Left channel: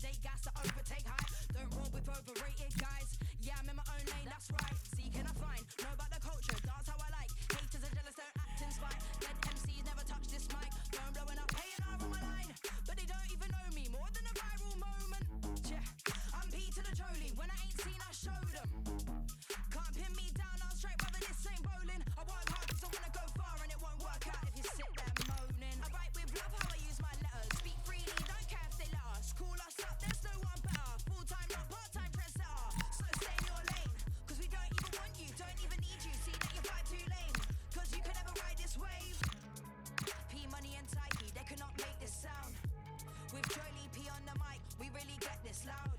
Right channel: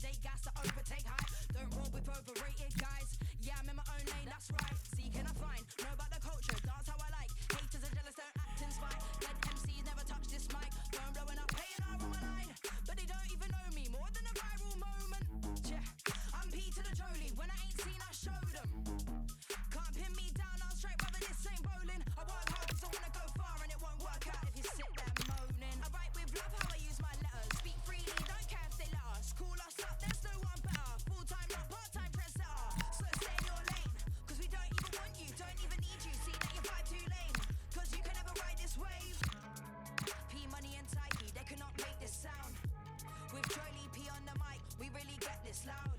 consolidate, gas to overtake high. Don't roll with overrated guys. Yeah, I'm in my own lane, that's right. See, can I find? Know about the culture, dance how I like. Haters are jealous, don't act in spite. Dead MCs never touch this mic. Phone blowing up, paying R on my line. But they don't even know me, more than a viral moment. Yeah, I'm P to the Jolie. When I ain't seen, I show them. Can't pin me down, I'm straight, brother, this ain't bowling. I work hard cause I wanna go far and it won't work out if you sit there moaning. I write with love how I use my letters. Speak freely, don't care if they let us. Call us up, there's no one better. Full-time, not part-time trendsetter. So stay in your lane, cause we don't even want you, don't even need you. See that you're vibe too lame, cause you can never ride this wave. P Money and Tyke, they cannot make this sound. With Jolie P on the mic, we really get this loud.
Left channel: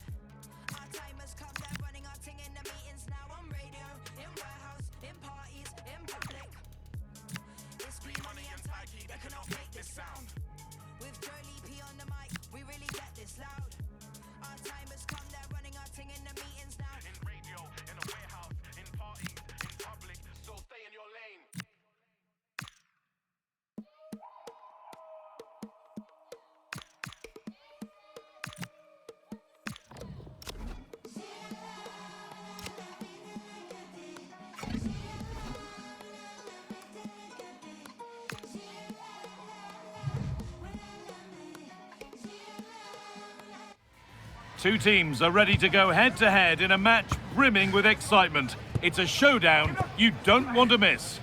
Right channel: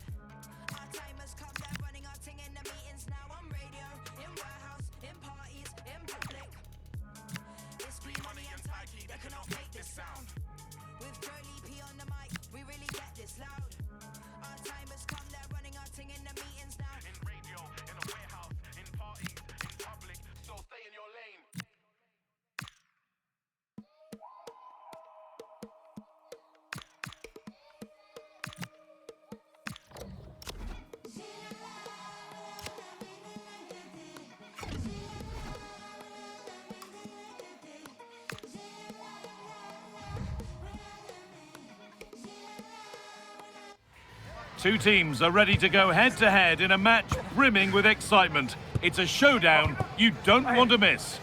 Our time has come, they're running our ting in the meetings now. On radio, in warehouse, in parties, in public. It's P Money and Tyke, they cannot make this sound. With Jolie P on the mic, we really get this loud. Our time has come, they're running our ting in the meetings now. In radio, in a warehouse, in parties, in public, so stay in your lane. Two teams are ready to go head-to-head in a match brimming with excitement. It's a showdown you don't want to miss.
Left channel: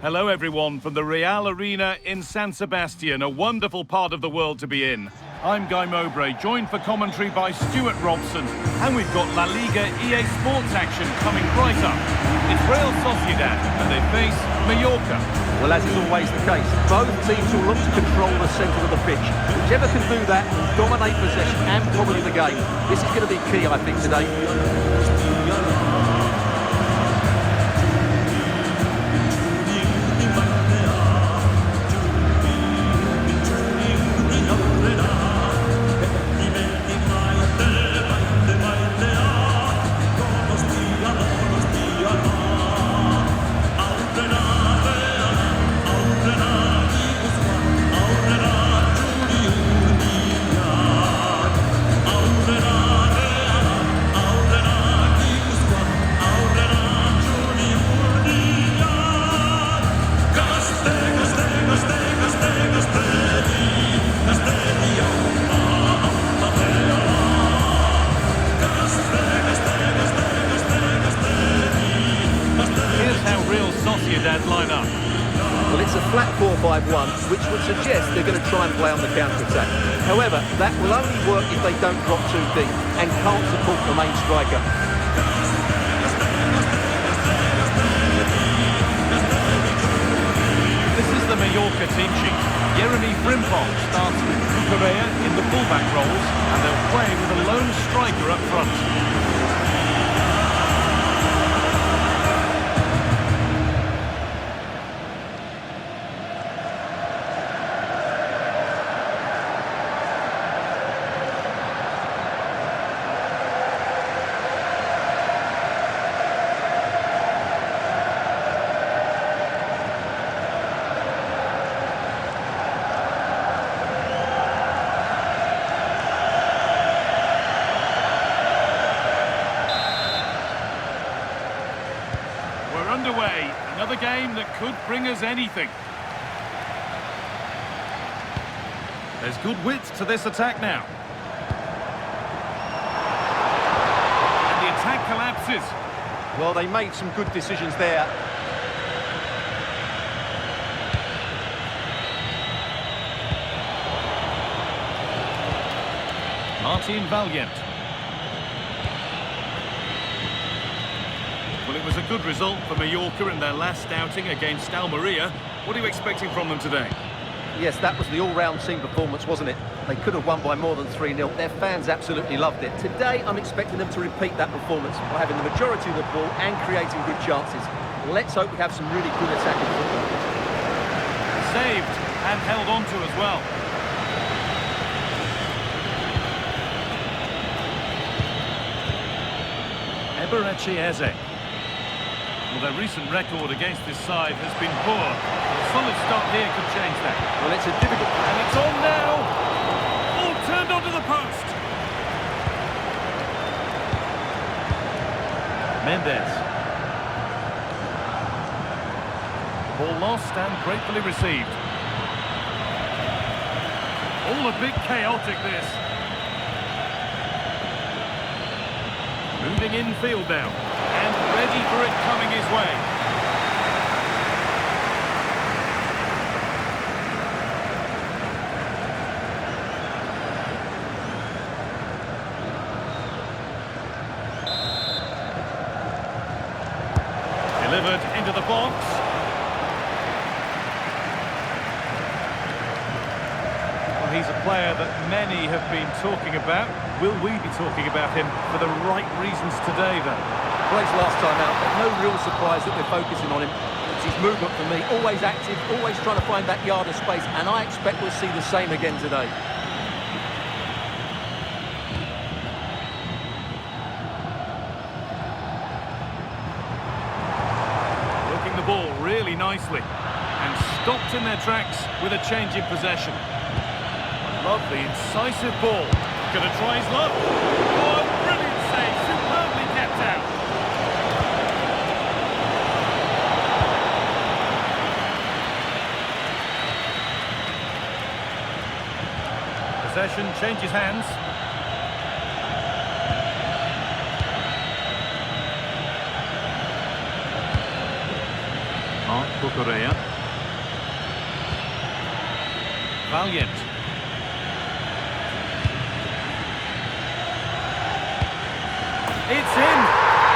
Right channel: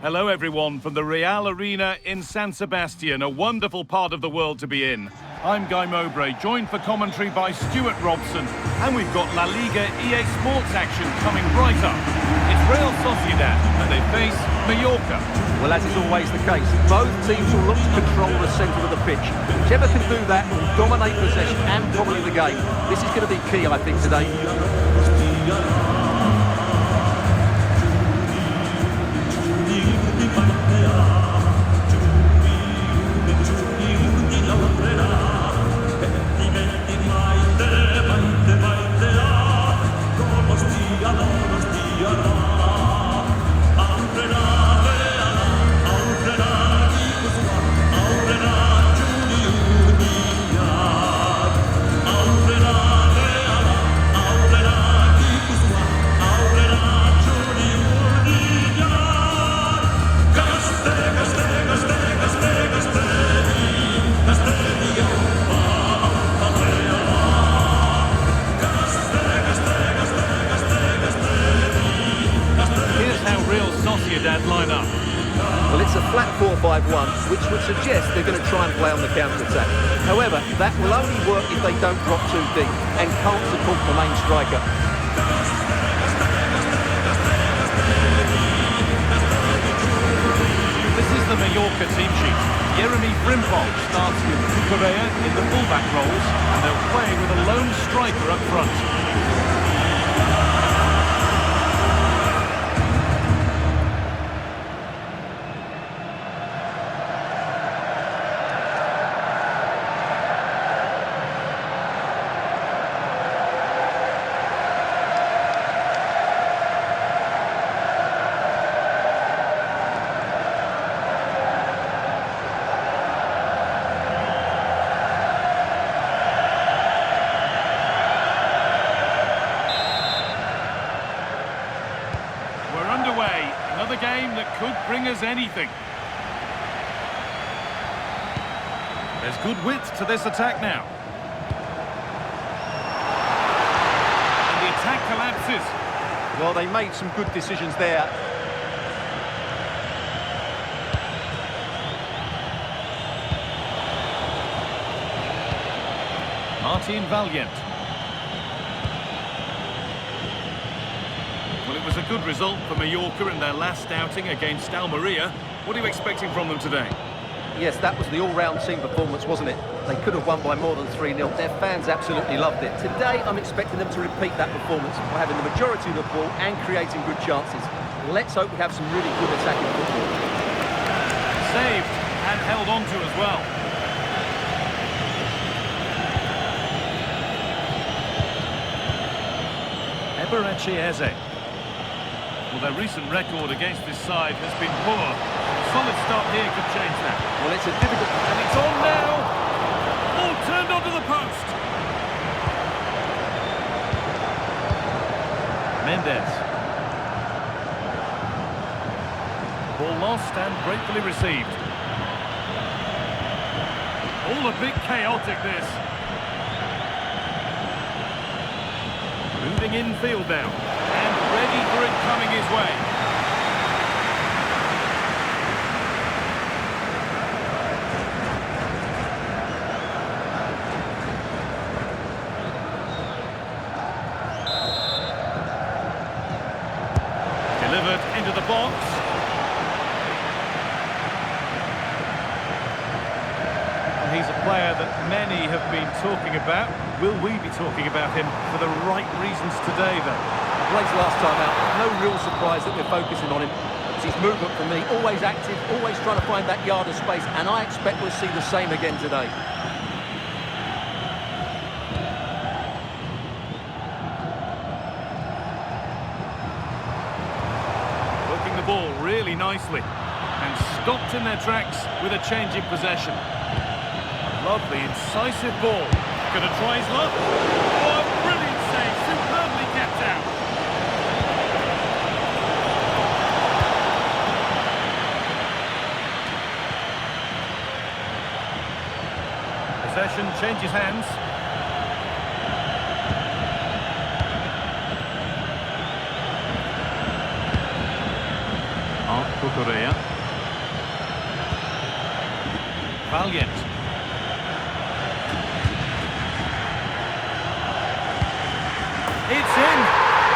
Hello everyone from the Real Arena in San Sebastian, a wonderful part of the world to be in. I'm Guy Mowbray, joined for commentary by Stuart Robson, and we've got La Liga EA Sports action coming right up. It's Real Sociedad and they face Mallorca. Well, as is always the case, both teams will look to control the centre of the pitch. Whichever can do that will dominate possession and probably the game. This is going to be key, I think, today. Sociedad line up. Well, it's a flat 4-5-1, which would suggest they're going to try and play on the counter-attack. However, that will only work if they don't drop too deep and can't support the main striker. This is the Mallorca team sheet. Jeremy Frimpong starts with Cucurella in the fullback roles, and they'll play with a lone striker up front. We're underway, another game that could bring us anything. There's good width to this attack now. And the attack collapses. Well, they made some good decisions there. Martin Valiant. Well, it was a good result for Mallorca in their last outing against Almeria. What are you expecting from them today? Yes, that was the all-round team performance, wasn't it? They could have won by more than 3-0. Their fans absolutely loved it. Today, I'm expecting them to repeat that performance by having the majority of the ball and creating good chances. Let's hope we have some really good attacking football. Saved and held on to as well. Eberechi Eze. Well, their recent record against this side has been poor. Solid start here could change that. Well, it's a difficult... And it's on now. Ball turned onto the post. Mendes. Ball lost and gratefully received. All a bit chaotic, this. Moving infield now. And ready for it coming his way. Delivered into the box. Well, he's a player that many have been talking about. Will we be talking about him for the right reasons today, though? Great last time out. No real surprise that we're focusing on him. It's his movement for me. Always active, always trying to find that yard of space. And I expect we'll see the same again today. The ball really nicely and stopped in their tracks with a change in possession. A lovely, incisive ball. Gonna try his luck. Oh, a brilliant save, superbly kept out. Possession changes hands. Correa. Valiant. It's in,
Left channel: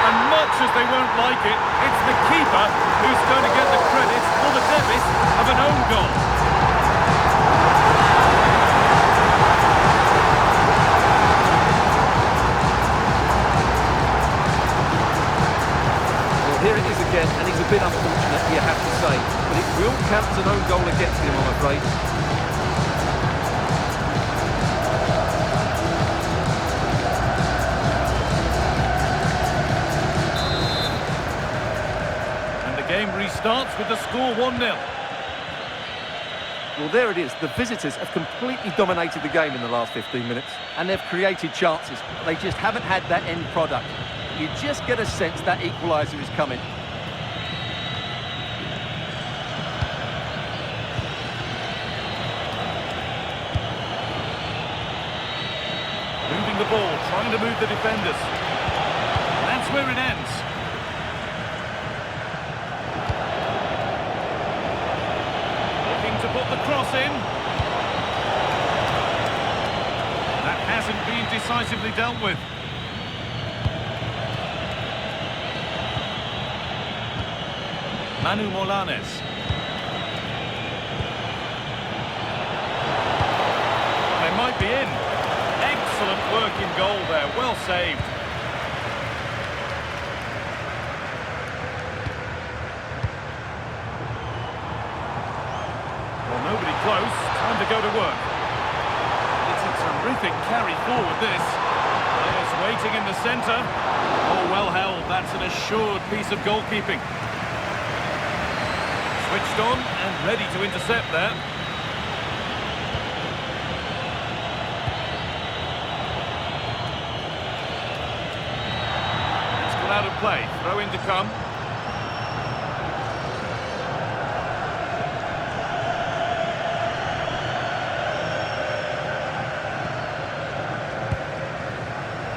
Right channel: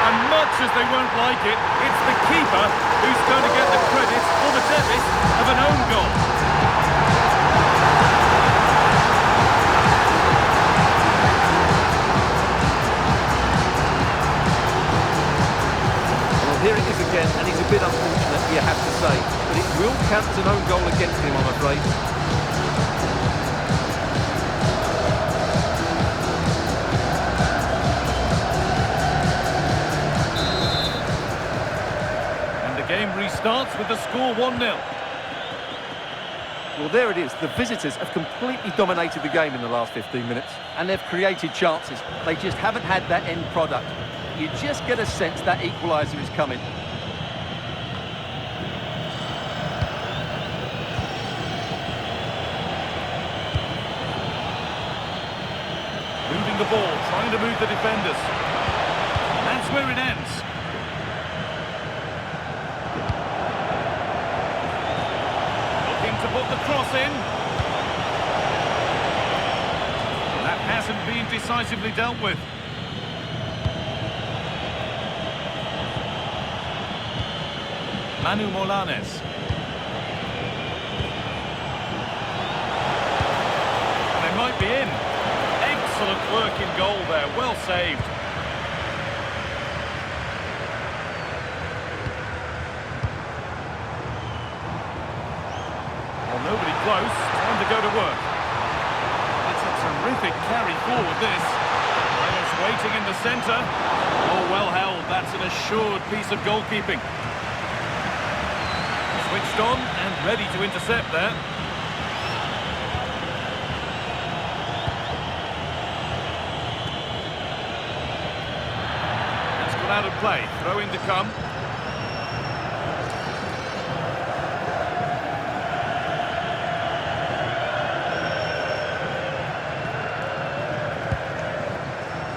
and much as they won't like it, it's the keeper who's going to get the credit or the debit of an own goal. Here it is again, and he's a bit unfortunate, you have to say. But it will count as an own goal against him, I'm afraid. And the game restarts with the score 1-0. Well, there it is. The visitors have completely dominated the game in the last 15 minutes. And they've created chances. They just haven't had that end product. You just get a sense that equaliser is coming. Moving the ball, trying to move the defenders. And that's where it ends. Looking to put the cross in. That hasn't been decisively dealt with. Manu Molanes. They might be in. Excellent work in goal there, well saved. Well, nobody close, time to go to work. It's a terrific carry forward, this. Players waiting in the centre. Oh, well held, that's an assured piece of goalkeeping. Switched on and ready to intercept there. It's gone out of play. Throw in to come.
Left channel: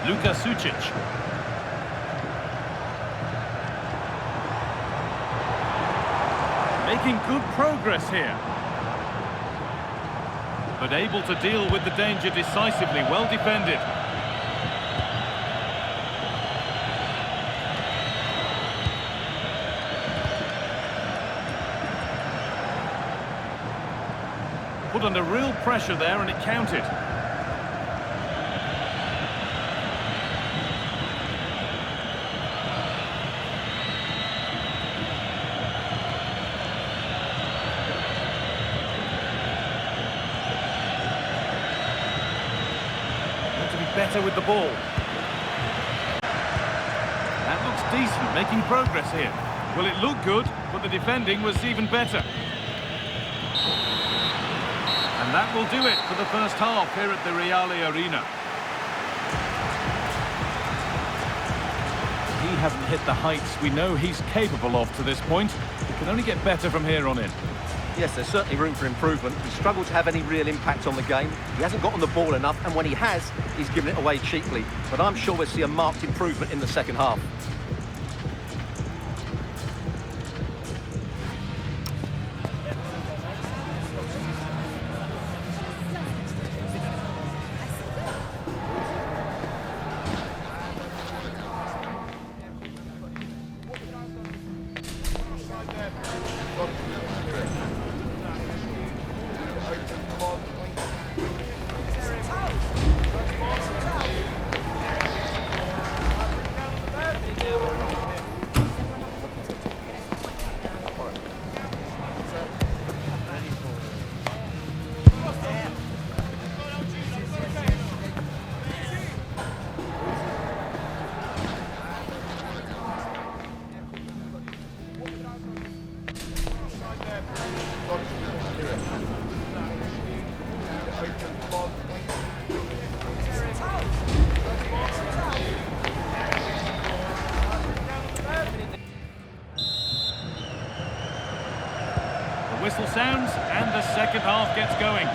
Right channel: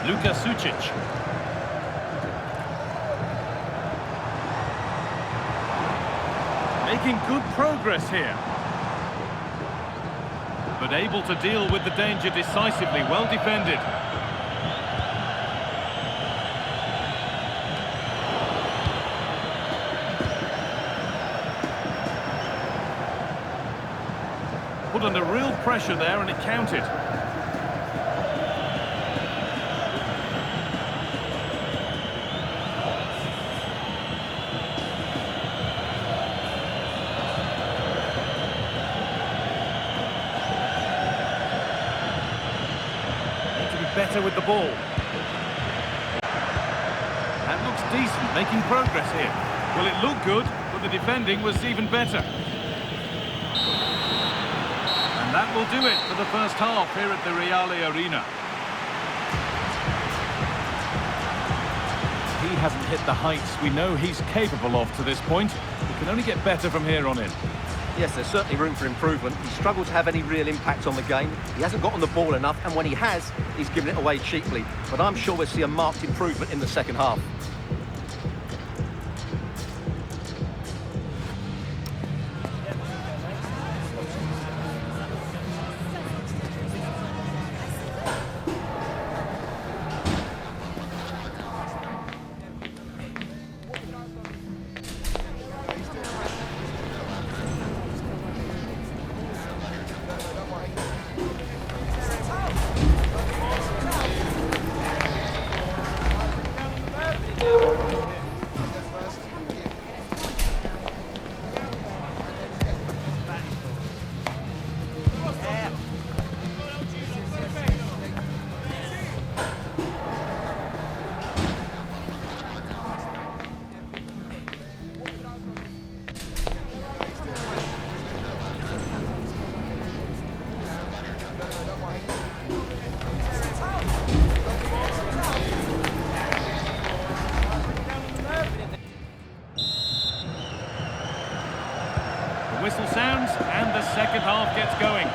Luka Sucic. Making good progress here. But able to deal with the danger decisively, well defended. Put under real pressure there and it counted. Better with the ball. That looks decent, making progress here. Well, it looked good, but the defending was even better. That will do it for the first half here at the Reale Arena. He hasn't hit the heights we know he's capable of to this point. He can only get better from here on in. Yes, there's certainly room for improvement. He's struggled to have any real impact on the game. He hasn't got on the ball enough, and when he has, he's given it away cheaply. But I'm sure we'll see a marked improvement in the second half. The whistle sounds and the second half gets going.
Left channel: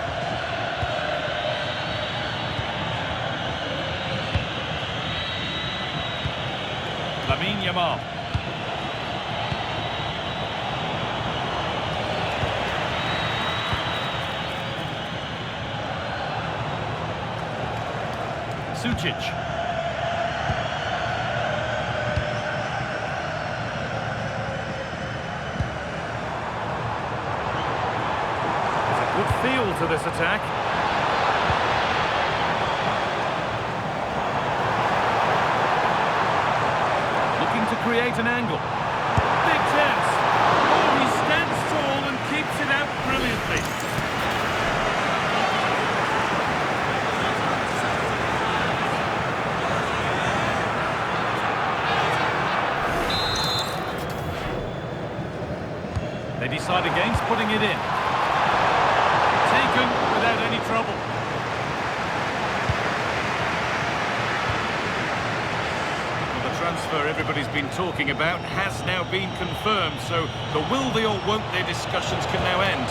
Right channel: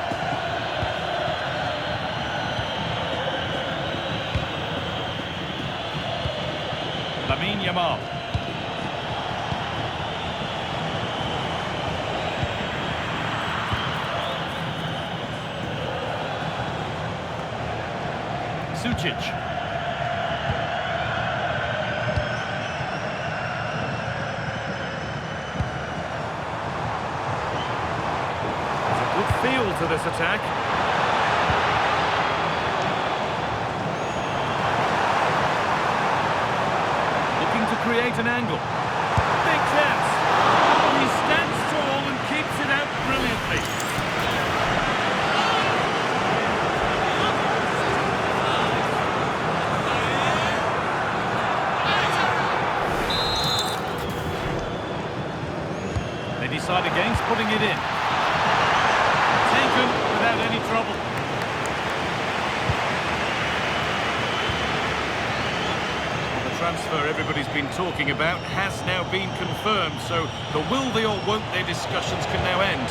Lamine Yamal. Sucic. Good feel to this attack. Looking to create an angle. Big chance. Oh, he stands tall and keeps it out brilliantly. They decide against putting it in. Taken without any trouble. Well, the transfer everybody's been talking about has now been confirmed, so the will they or won't they discussions can now end.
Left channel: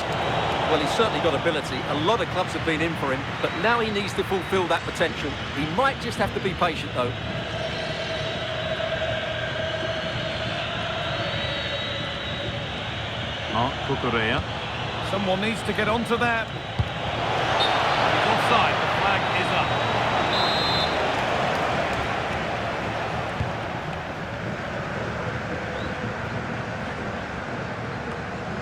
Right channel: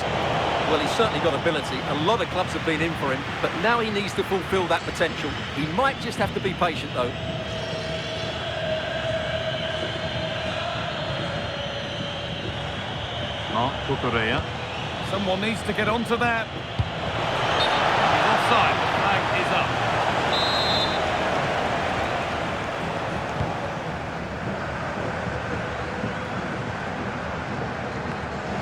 Well, he's certainly got ability. A lot of clubs have been in for him, but now he needs to fulfil that potential. He might just have to be patient, though. Marc Cucurella. Someone needs to get onto that. He's offside. The flag is up.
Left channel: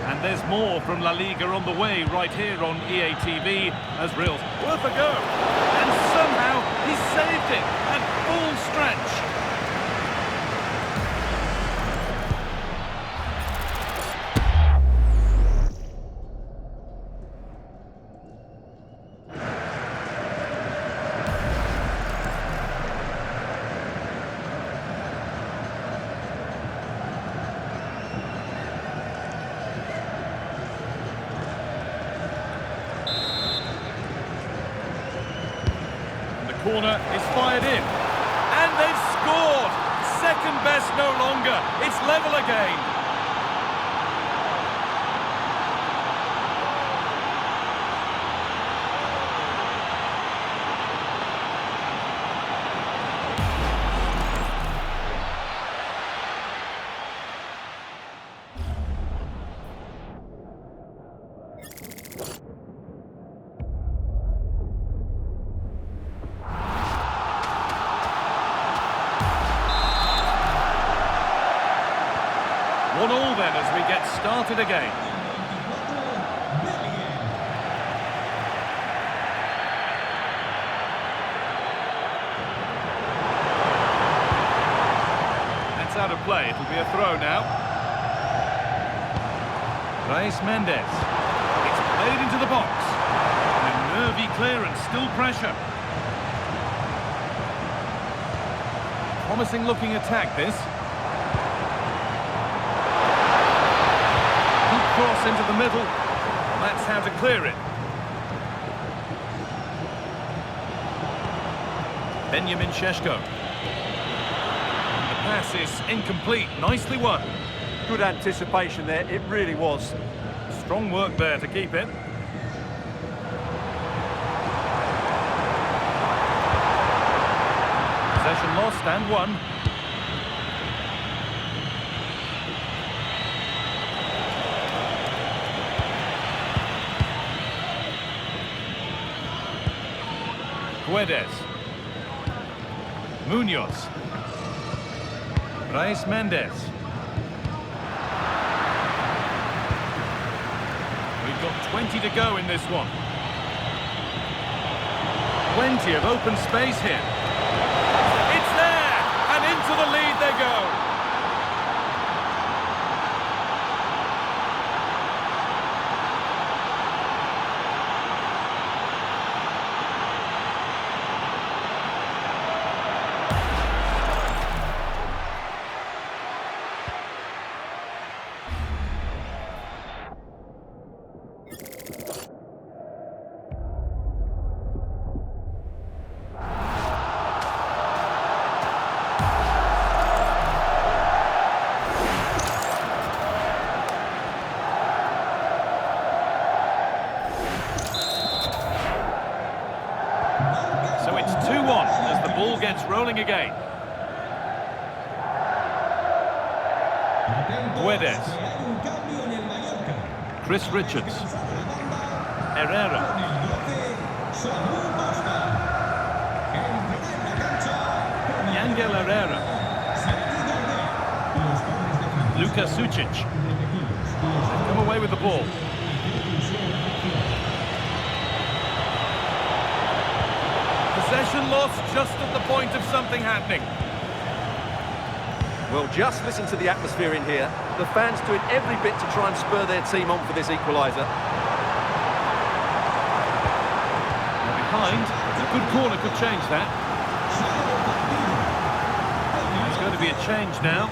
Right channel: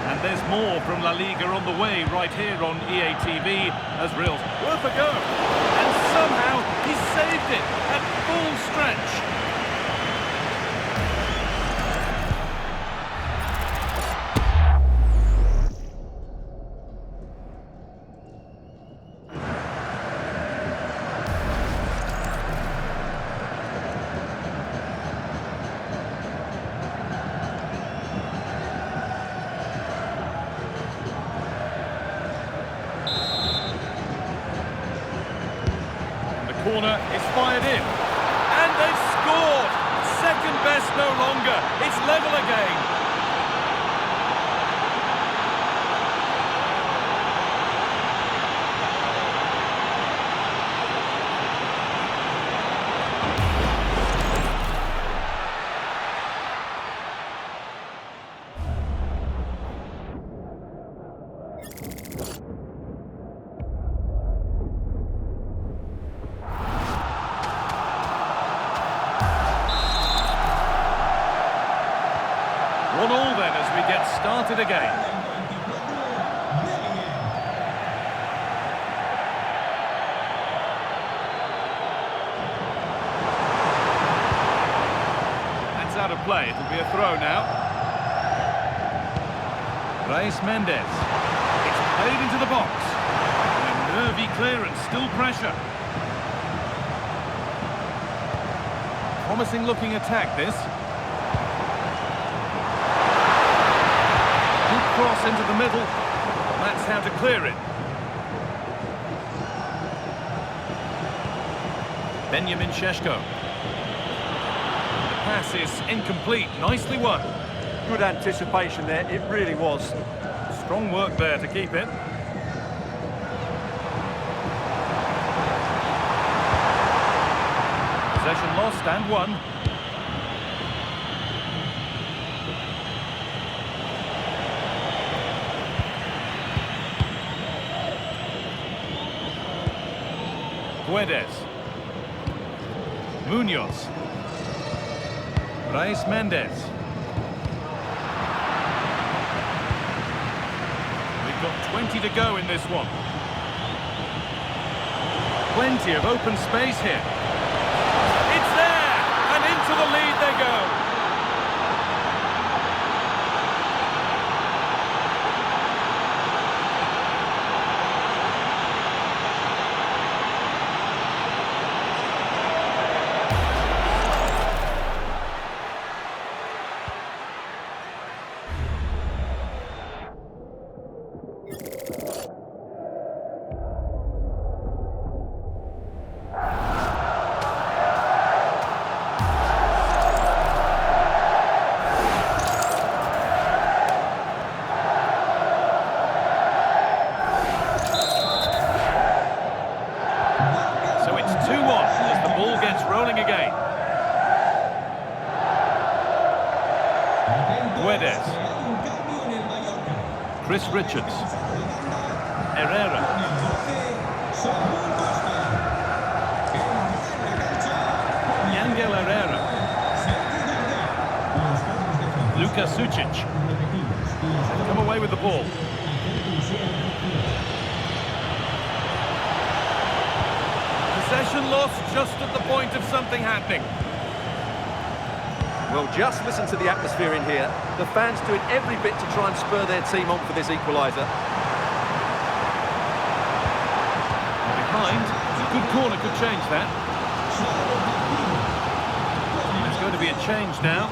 And there's more from La Liga on the way right here on EA TV as Real's worth a go. And somehow he saved it at full stretch. Corner is fired in, and they've scored. Second best no longer. It's level again. One all then as we get started again. That's out of play. It'll be a throw now. Reis Mendes. It's played into the box. And a nervy clearance, still pressure. Promising looking attack this. Cross into the middle. That's how to clear it. Benjamin Šeško. The pass is incomplete. Nicely won. Good anticipation there, it really was. Strong work there to keep it. Possession lost and won. Guedes. Munoz. Brais Mendes. We've got 20 to go in this one. Plenty of open space here. It's there! And into the lead they go. So it's 2-1 as the ball gets rolling again. Guedes. Chris Richards. Herrera. Yangel Herrera. Luka Sucic. They've come away with the ball. Possession lost just at the point of something happening. Well, just listen to the atmosphere in here. The fans doing every bit to try and spur their team on for this equaliser. They're behind. A good corner could change that. There's going to be a change now.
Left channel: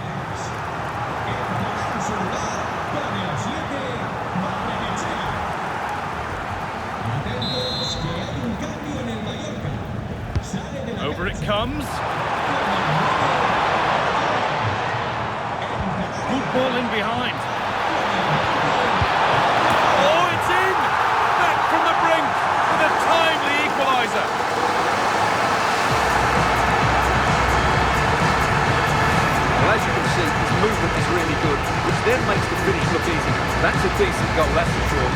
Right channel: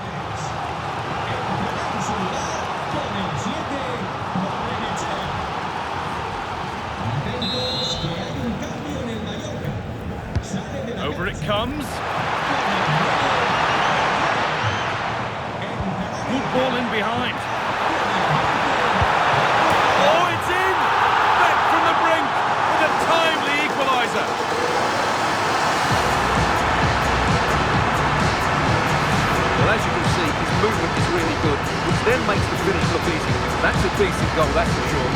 Over it comes. Good ball in behind. Oh, it's in! Back from the brink with a timely equaliser. Well, as you can see, his movement is really good, which then makes the finish look easy. That's a decent goal, that's for sure.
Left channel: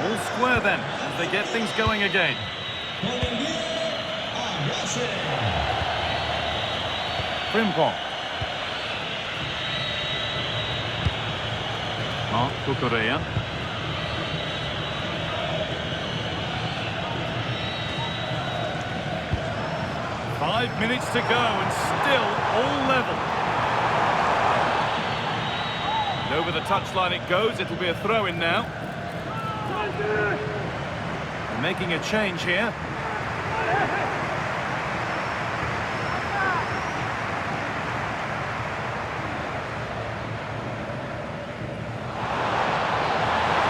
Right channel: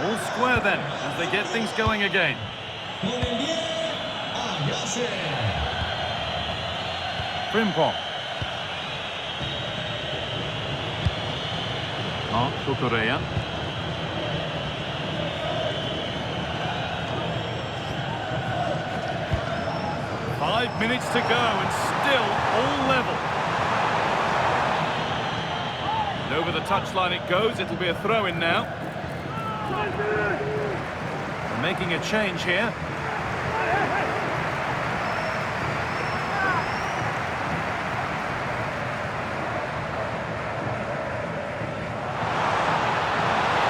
All square then, as they get things going again. Frimpong. Cucurella. Five minutes to go and still all level. And over the touchline it goes, it'll be a throw-in now. They're making a change here.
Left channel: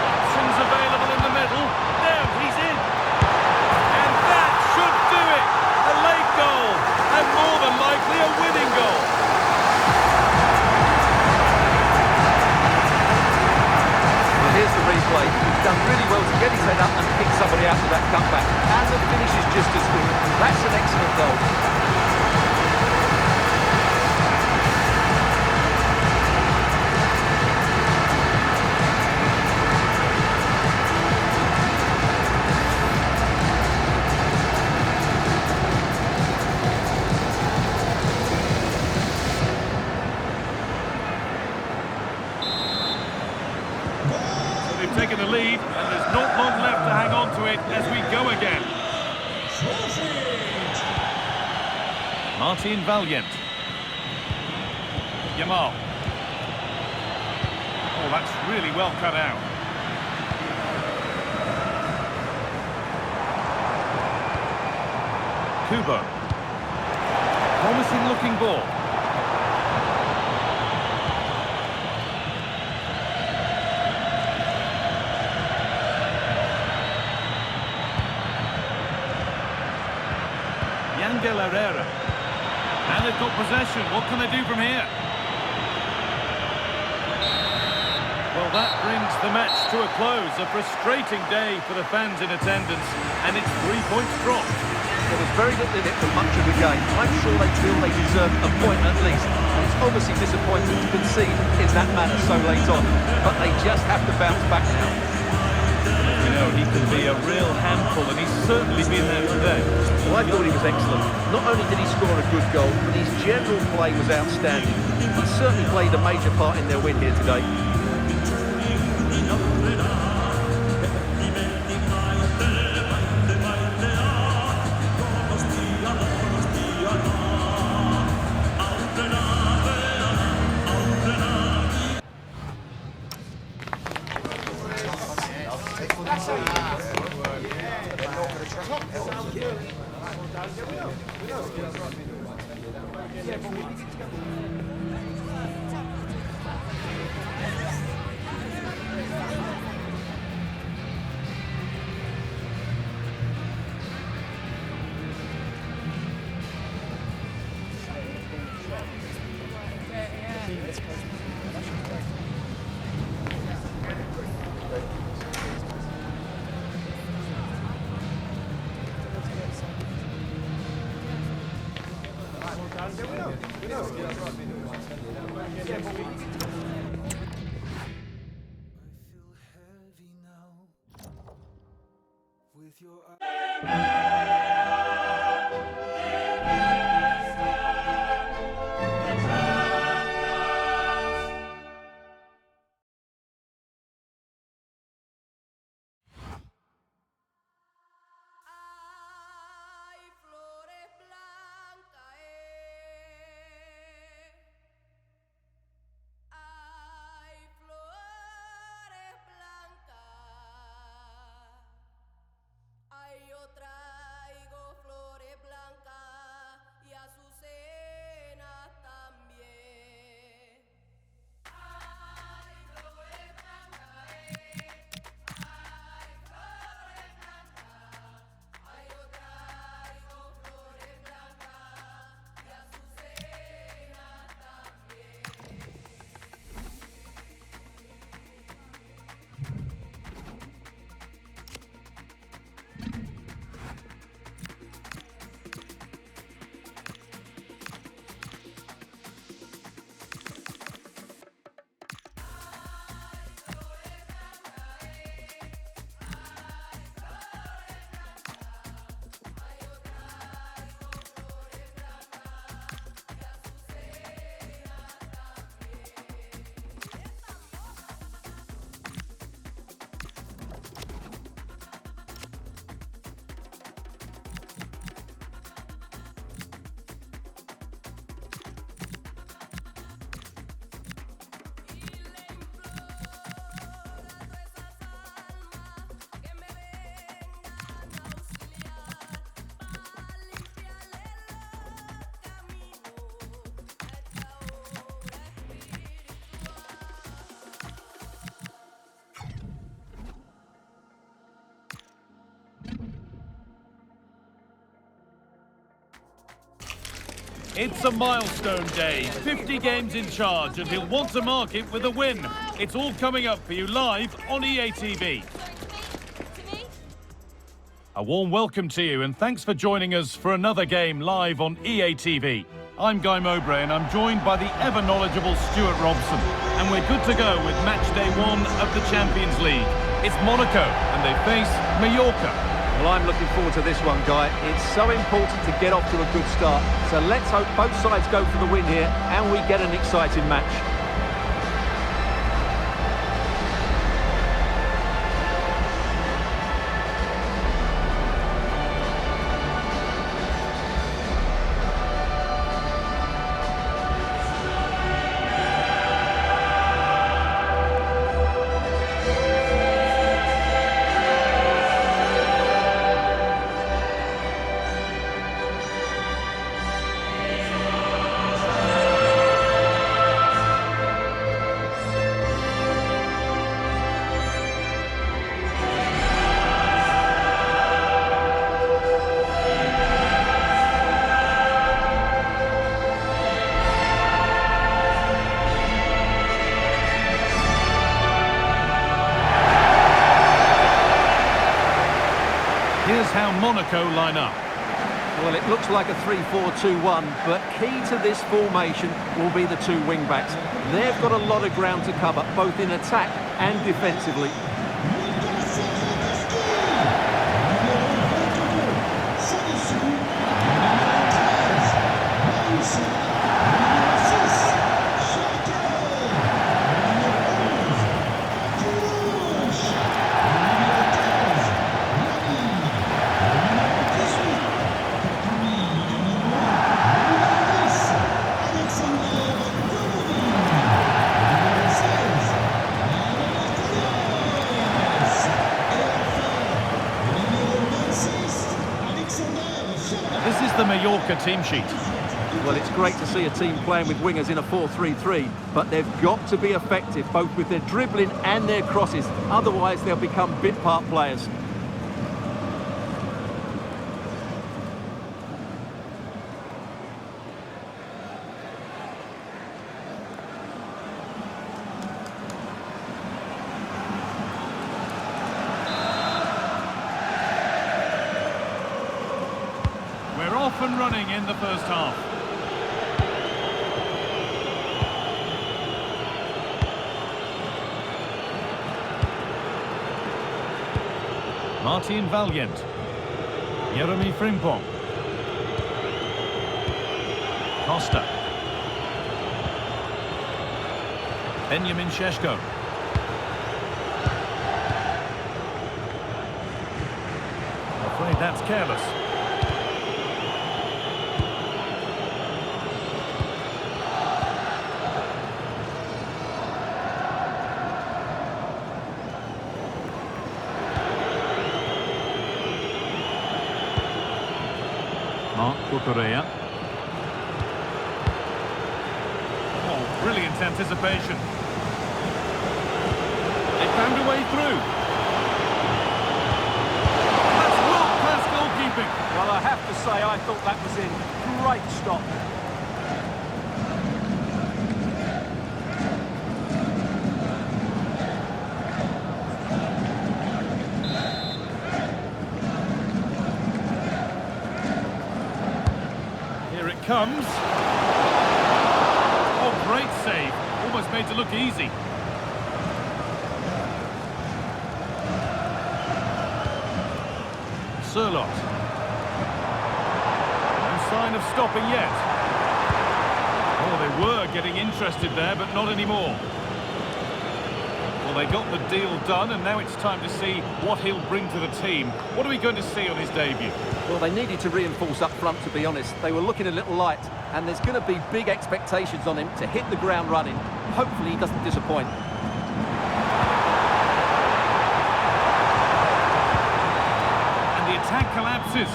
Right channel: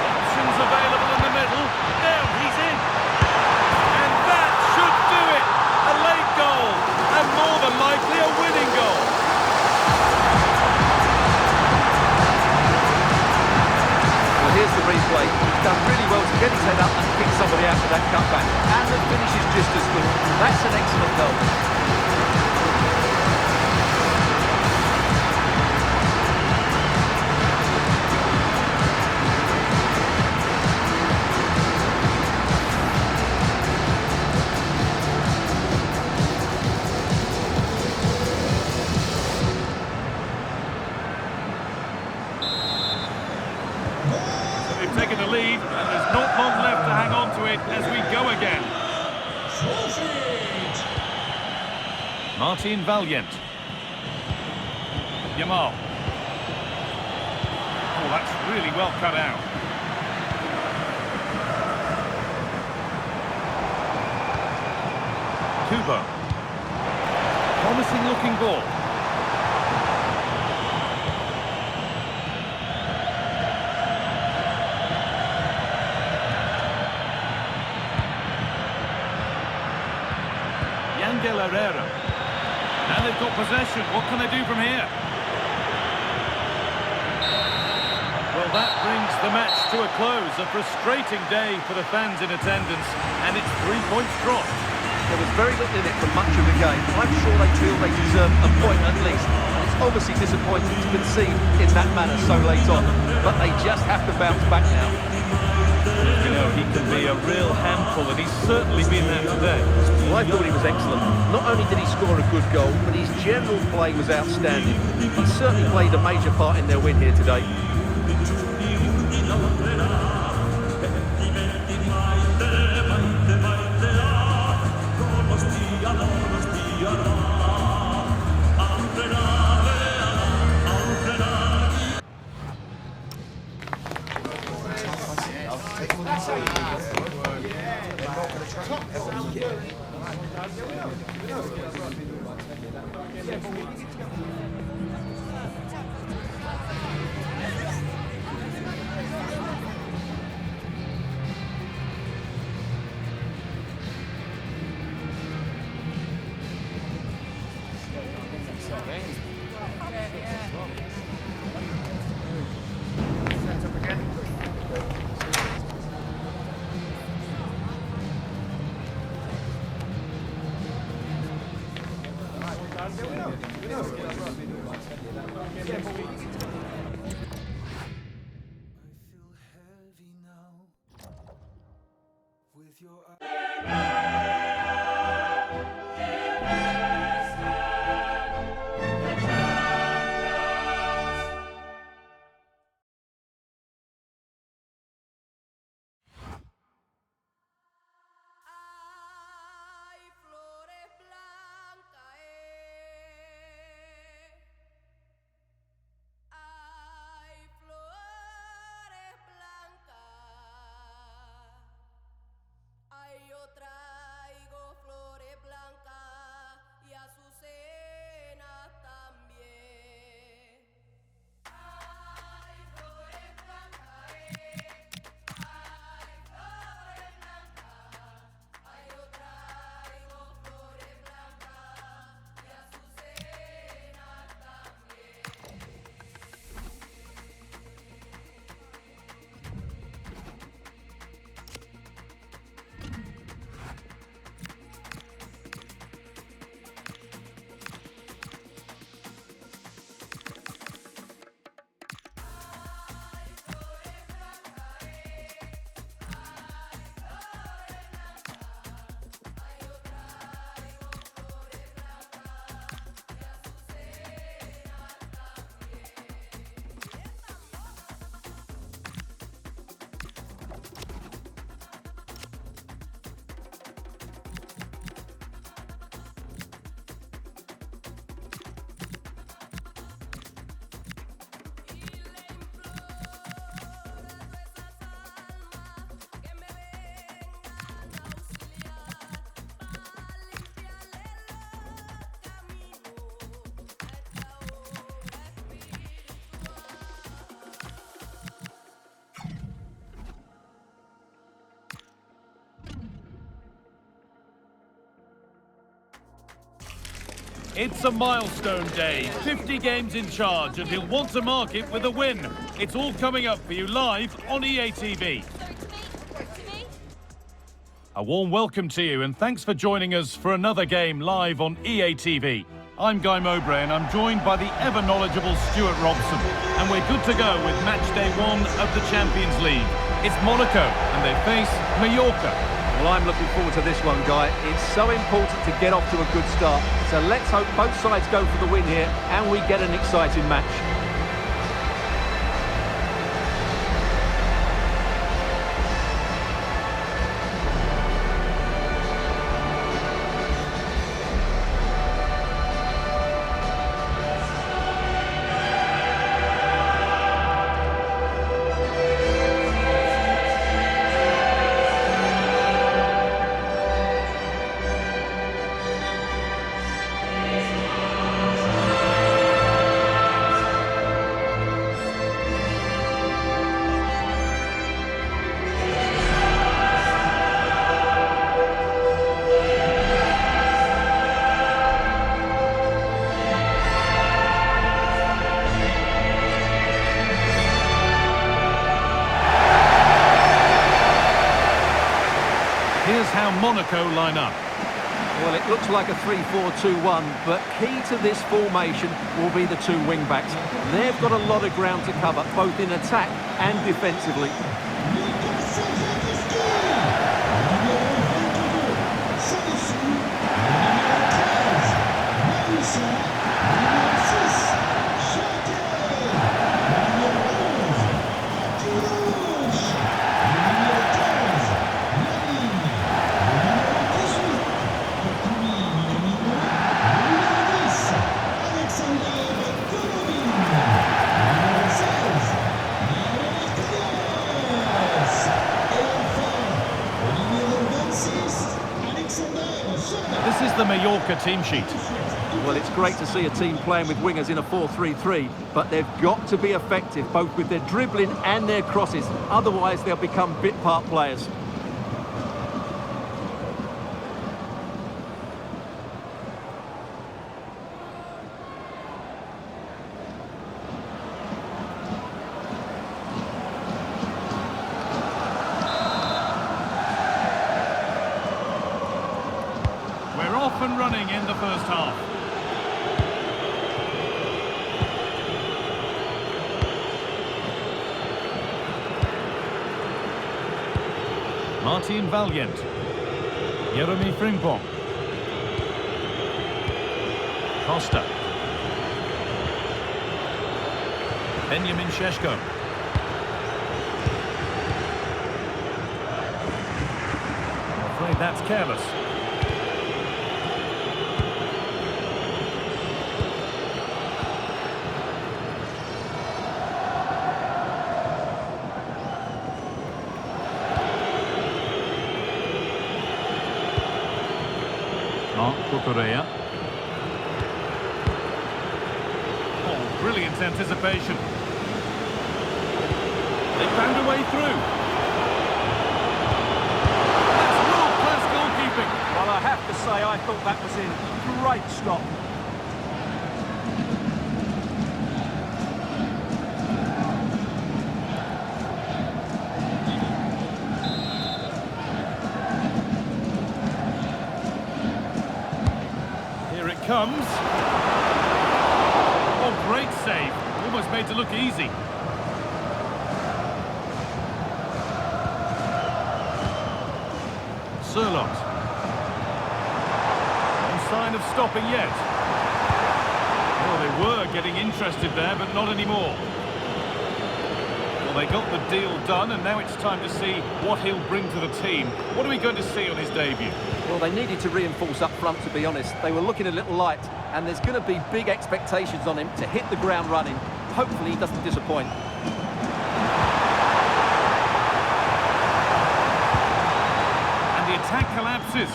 Options available in the middle. Now he's in. And that should do it. A late goal. And more than likely a winning goal. Well, here's the replay. He's done really well to get his head up and pick somebody out with that cutback. And the finish is just as good. That's an excellent goal. They've taken the lead, and there's not long left to hang on to it as we go again. Martin Valiant. Yamal. Oh, that's really well cut out. Kubo. Promising looking ball. Yangel Herrera. And they've got possession. What can they do from here? Well, that brings the match to a close. A frustrating day for the fans in attendance, and it's 3 points dropped. There was very little in it for much of the game. I'm sure they feel they deserve a point at least. And it's obviously disappointing to concede in that manner so late on. But they just have to bounce back now. You know, he can be a real handful, and he's certainly been there today. Well, I thought he was excellent. Not only did he score a good goal, but his general play was outstanding. He certainly played a major part in their win here today. It's a milestone day, 50 games in charge, and he'll want to mark it with a win. It's all coming up for you live on EA TV. A warm welcome to you, and thanks for joining us for another game live on EA TV. I'm Guy Mowbray, and I'm joined by the ever-knowledgeable Stuart Robson. And we're good to go with match day 1 of the Champions League. It's Monaco, and they face Mallorca. Well, I'm looking forward to this one, Guy. It's so important to get off to a good start. So let's hope both sides go for the win here and we get an exciting match. is how Monaco line up. Well, it looks like a 3-4-2-1, but key to this formation will be the two wing-backs. They've got a lot of ground to cover, both in attack and defensively. This is the Mallorca team sheet. Well, it's great to see a team playing with wingers in a 4-3-3, but they've got to be effective, both with their dribbling and their crosses. Otherwise, they'll become bit-part players. We're off and running in the first half. Martin Valiant. Jeremy Frimpong. Costa. Benjamin Šeško. I'm afraid that's careless. Correa. Oh, brilliant anticipation. They found a way through. That's world-class goalkeeping. Well, I have to say, I thought that was in. Great stop. Here it comes. Oh, great save. Almost made to look easy. Sørloth. No sign of stopping yet. Oh, they were getting interested there, but not anymore. Well, they got the deal done, and now it's time to see what he'll bring to the team. What are we going to see on his debut? Well, they needed to reinforce up front, to be honest. They were looking a little light, and there's going to be big expectations on him to hit the ground running. Hopefully he doesn't disappoint. And the attack collapses.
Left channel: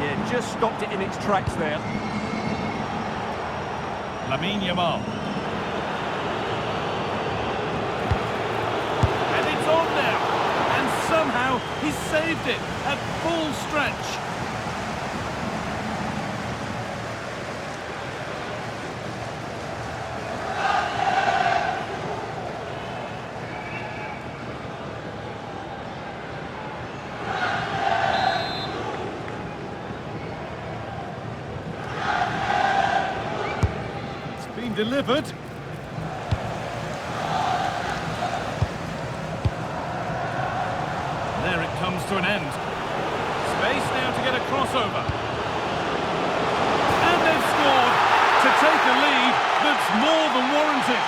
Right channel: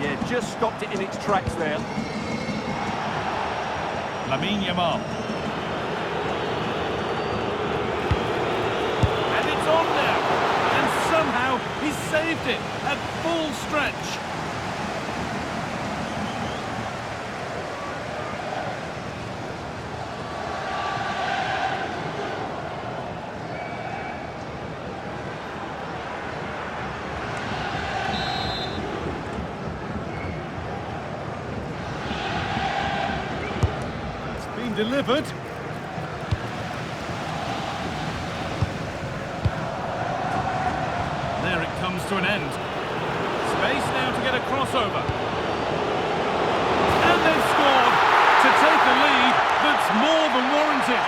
Yeah, just stopped it in its tracks there. Lamine Yamal. And it's on now. And somehow he's saved it at full stretch. Delivered. There it comes to an end. Space now to get a crossover. And they've scored to take a lead that's more than warranted.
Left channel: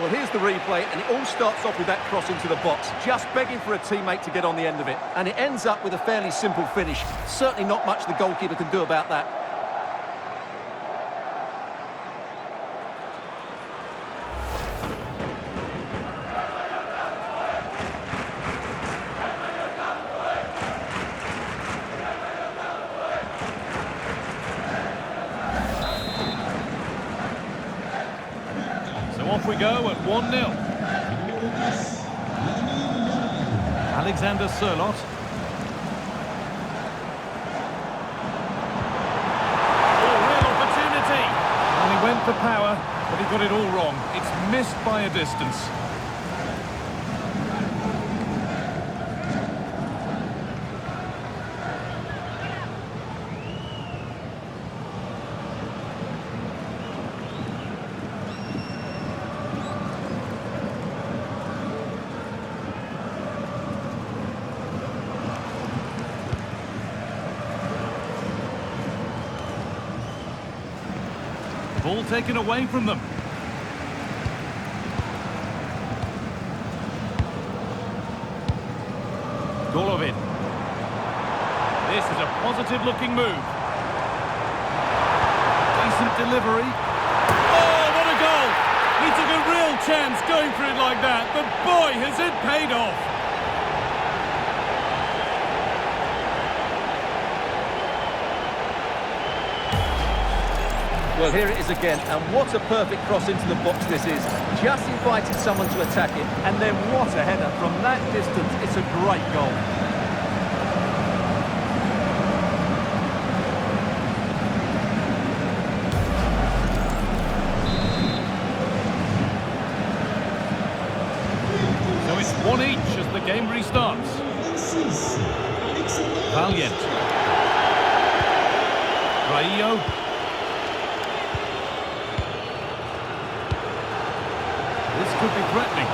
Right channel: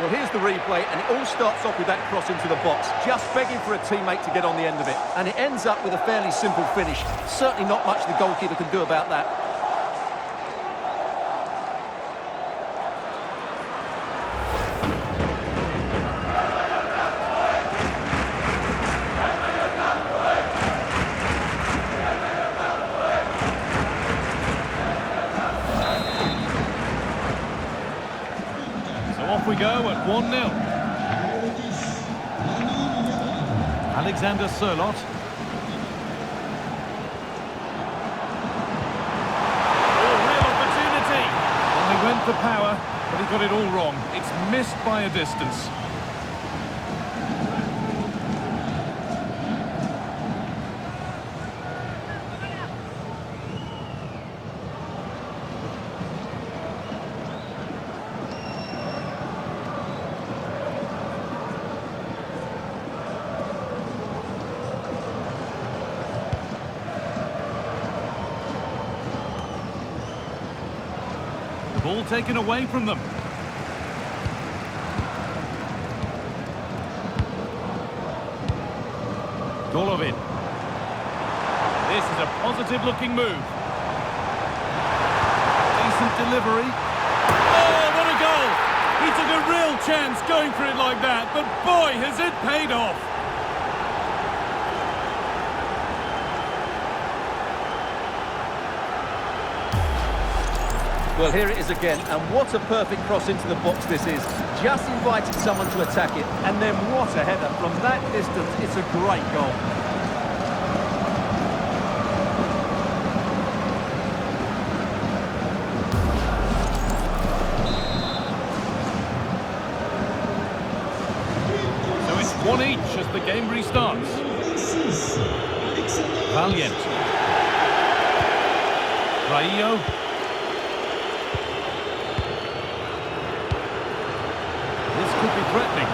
Well, here's the replay, and it all starts off with that cross into the box, just begging for a teammate to get on the end of it. And it ends up with a fairly simple finish. Certainly not much the goalkeeper can do about that. Off we go at 1-0. Alexander Sørloth. Oh, real opportunity. for power, but he got it all wrong. It's missed by a distance. The ball taken away from them. Golovin. This is a positive-looking move. Decent delivery. Oh, what a goal! He took a real chance going for it like that, but boy, has it paid off! Well, here it is again, and what a perfect cross into the box this is. Just invited someone to attack it, and then what a header. From that distance, it's a great goal. So it's 1 each as the game restarts. Valiant. Raillo. This could be threatening.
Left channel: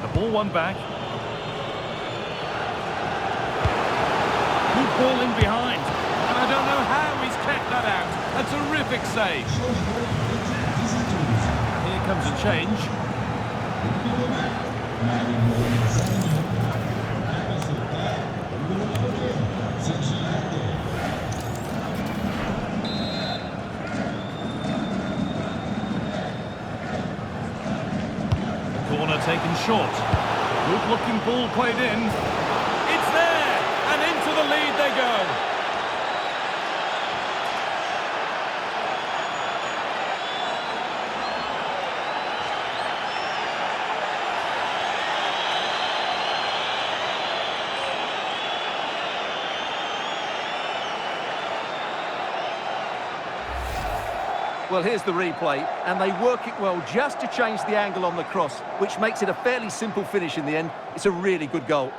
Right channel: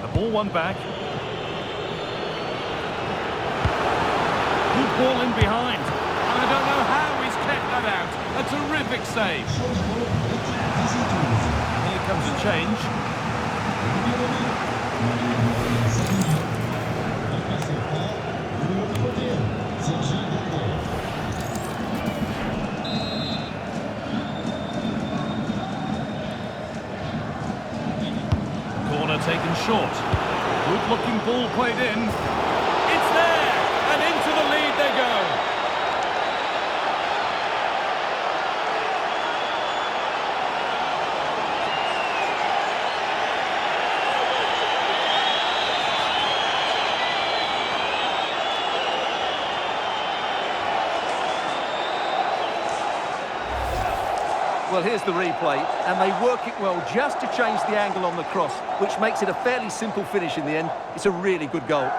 The ball won back. Good ball in behind. And I don't know how he's kept that out. A terrific save. And here comes a change. Corner taken short. Good looking ball played in. It's there! And into the lead they go. Well, here's the replay, and they work it well just to change the angle on the cross, which makes it a fairly simple finish in the end. It's a really good goal.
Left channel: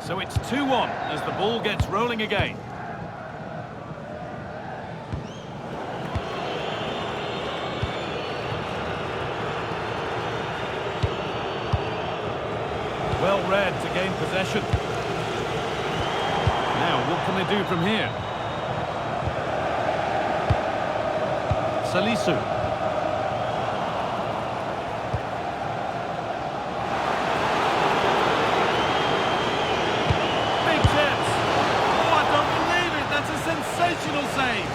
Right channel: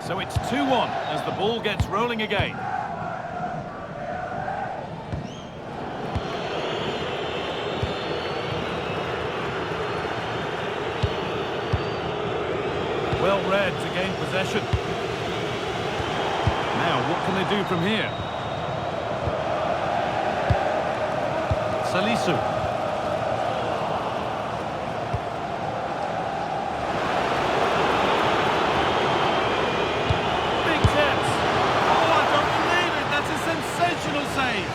So it's 2-1 as the ball gets rolling again. Well read to gain possession. Now, what can they do from here? Salisu. Sensational save.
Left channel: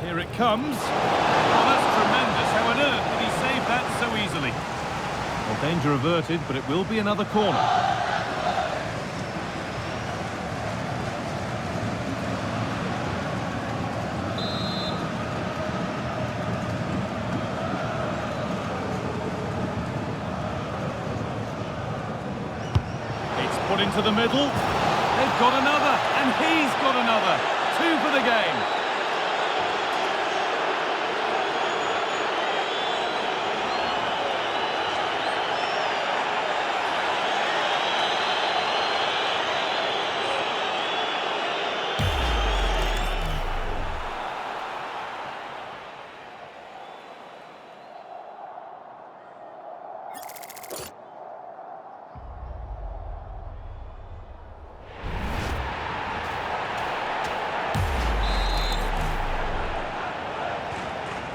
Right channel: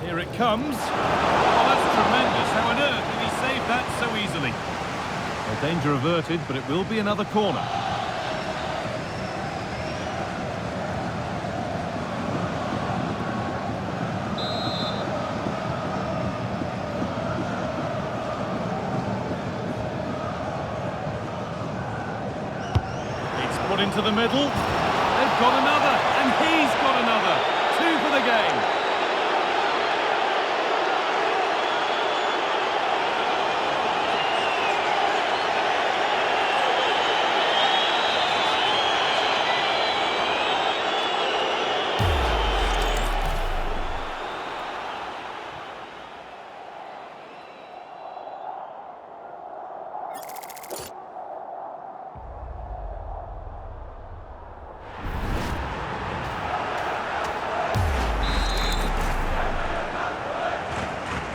Here it comes. Oh, that's tremendous. How on earth did he save that so easily? Well, danger averted, but it will be another corner. Put into the middle. They've got another, and he's got another. 2 for the game.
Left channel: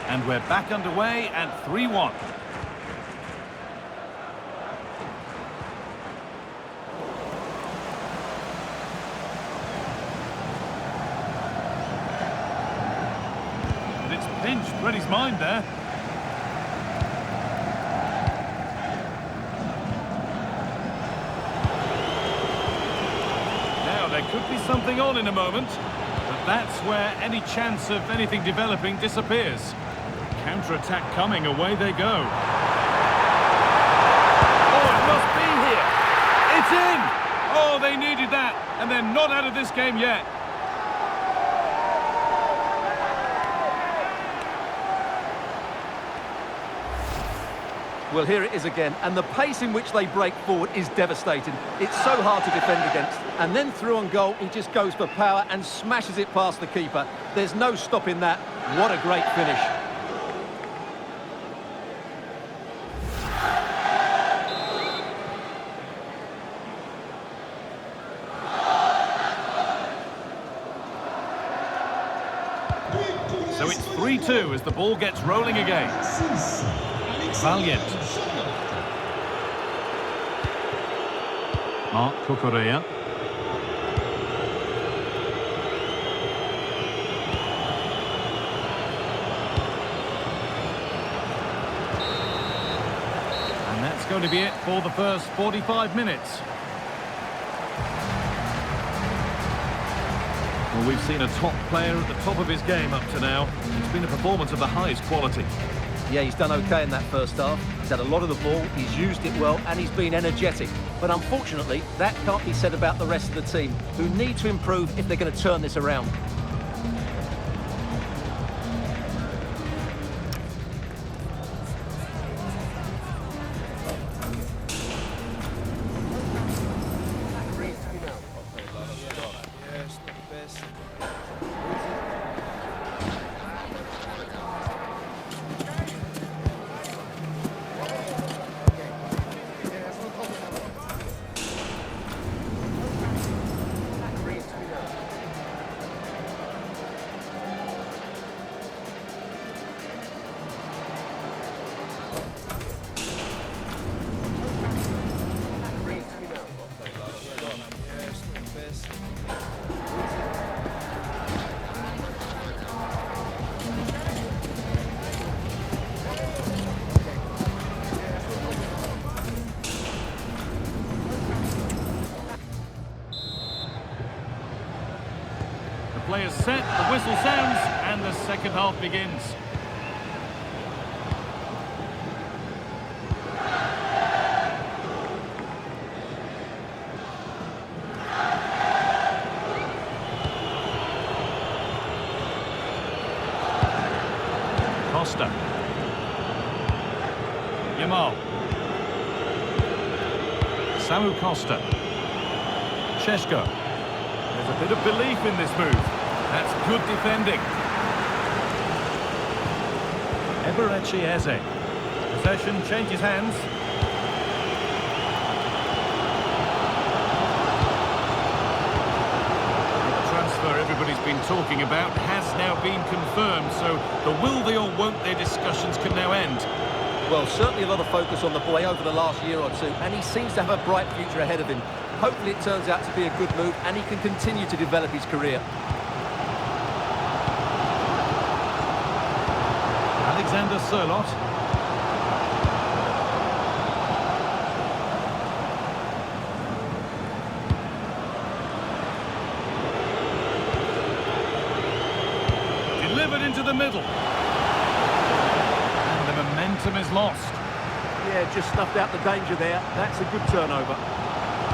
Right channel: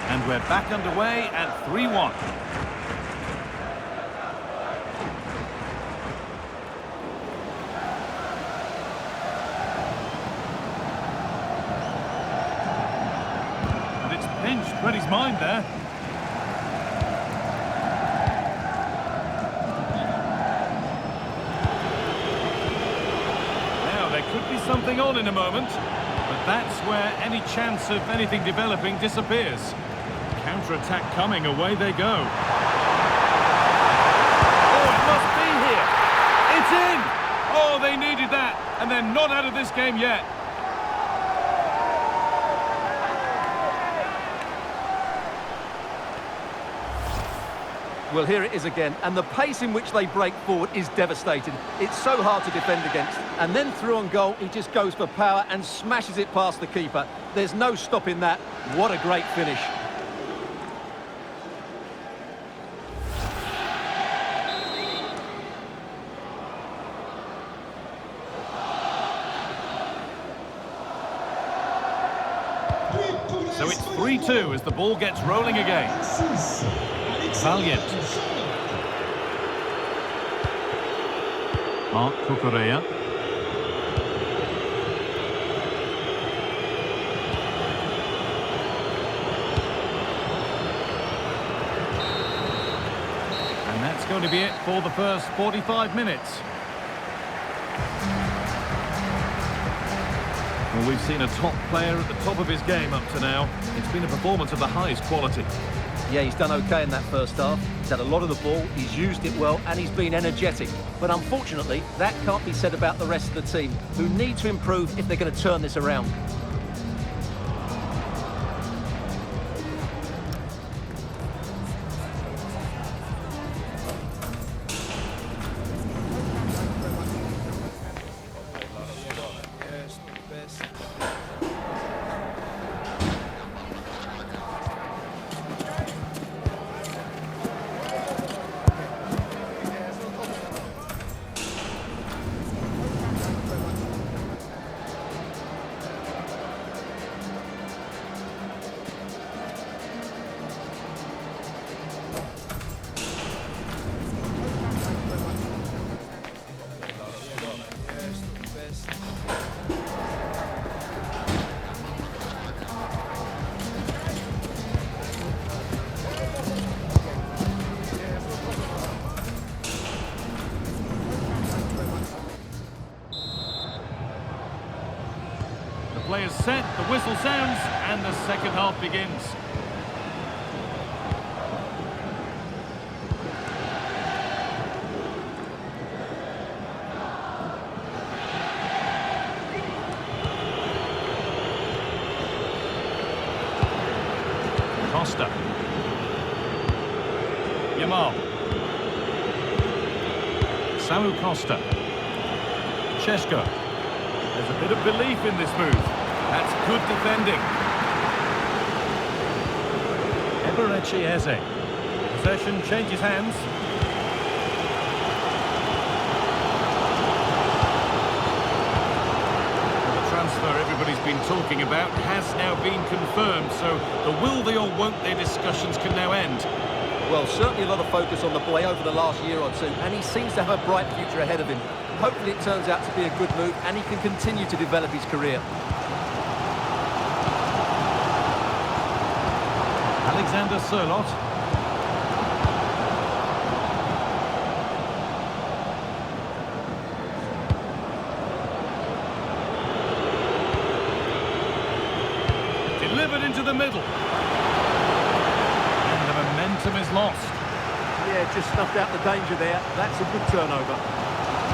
And we're back underway at 3-1. pinched, read his mind there. Now, there could be something on in a moment, but that's where any chance of anything developing disappears. Counter-attack coming, away they go. Oh, it must be here. It's in! Oh, they needed that, and they're not out of this game yet. Well, here it is again, and the pace in which they break forward is devastating. It's so hard to defend against. And then through on goal, he just goes for power and smashes it past the keeper. There's no stopping that. What a great finish. So it's 3-2 as the ball gets rolling again. Valiant. Mark Cucurella. And that's going to be it for the first 45 minutes. Well, we've seen a top player at the top of his game up to now. It's been a performance of the highest quality. Yeah, he's done okay in that first half. He's had a lot of the ball, he's used it well, and he's been energetic. But unfortunately, that can't be said about the rest of the team, who need to improve if they're going to turn this around. Players set, the whistle sounds, and the second half begins. Costa. Yamal. Samu Costa. Šeško. There's a bit of belief in this move. That's good defending. Eberechi Eze. Possession changes hands. Well, the transfer everybody's been talking about has now been confirmed, so the will they or won't they discussions can now end. Well, certainly a lot of focus on the boy over the last year or two, and he seems to have a bright future ahead of him. Hopefully it turns out to be a good move, and he can continue to develop his career. Alexander Sørloth. Delivered into the middle. And the momentum is lost. Yeah, just snuffed out the danger there. That's a good turnover.